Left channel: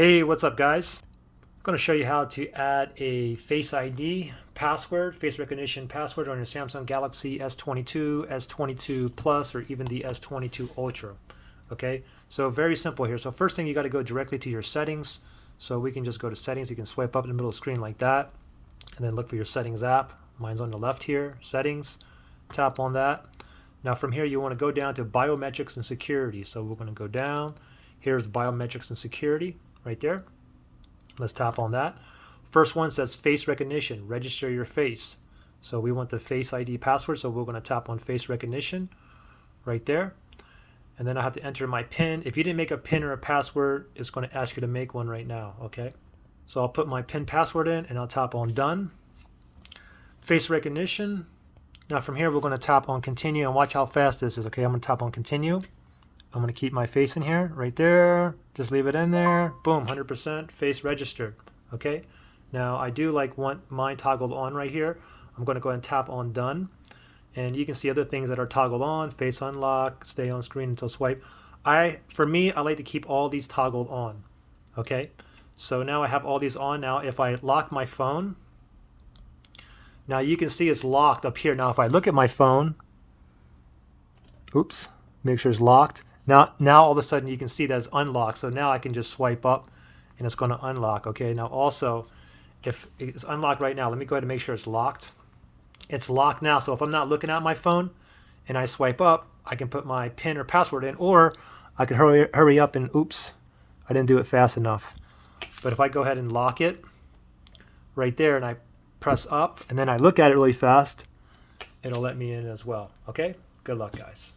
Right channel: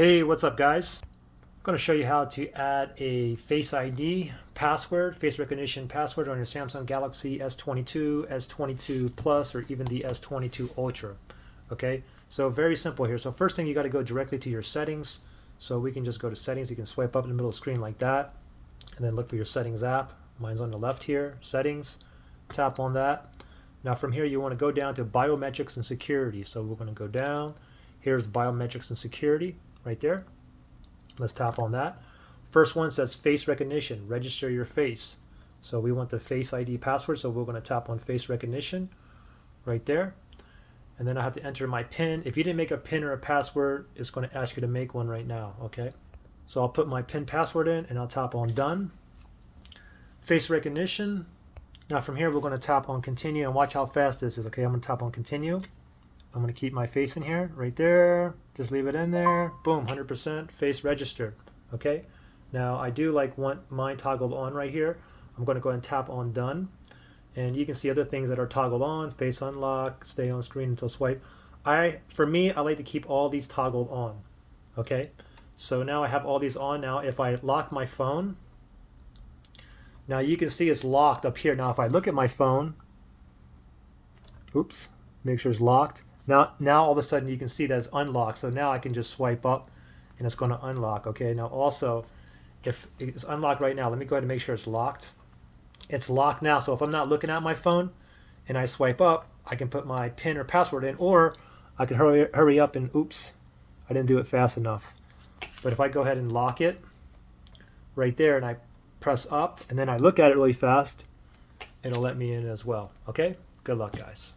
Hey, what's up guys? I'm going to show you how to add a Face ID password, face recognition password on your Samsung Galaxy S22, S22 Plus, or even the S22 Ultra. Okay, so very simple here. So first thing, you got to go directly to your settings. So we can just go to settings. You can swipe up in the middle of the screen like that, and then look for your settings app. Mine's on the left here, settings. Tap on that. Now from here, you want to go down to biometrics and security. So we're going to go down. Here's biometrics and security right there. Let's tap on that. First one says face recognition, register your face. So we want the Face ID password, so we're going to tap on face recognition right there. And then I have to enter my PIN. If you didn't make a PIN or a password, it's going to ask you to make one right now, okay? So I'll put my PIN password in and I'll tap on done. Face recognition. Now from here, we're going to tap on continue and watch how fast this is, okay? I'm going to tap on continue. I'm going to keep my face in here, right there. Just leave it in there. Boom, 100% face registered. Okay. Now I do want mine toggled on right here. I'm going to go ahead and tap on done. And you can see other things that are toggled on. Face unlock, stay on screen until swipe. For me, I like to keep all these toggled on. Okay. So now I have all these on. Now if I lock my phone, now you can see it's locked up here. Now if I look at my phone, oops, make sure it's locked. Now all of a sudden you can see that it's unlocked. So now I can just swipe up and it's going to unlock. Okay, now also if it's unlocked right now, let me go ahead and make sure it's locked. It's locked now. So if I'm not looking at my phone and I swipe up, I can put my PIN or password in, or I can hurry up and oops, I didn't do it fast enough. But if I go ahead and lock it right there and I press up and then I look at it really fast, it'll let me in as well. Okay, good luck guys.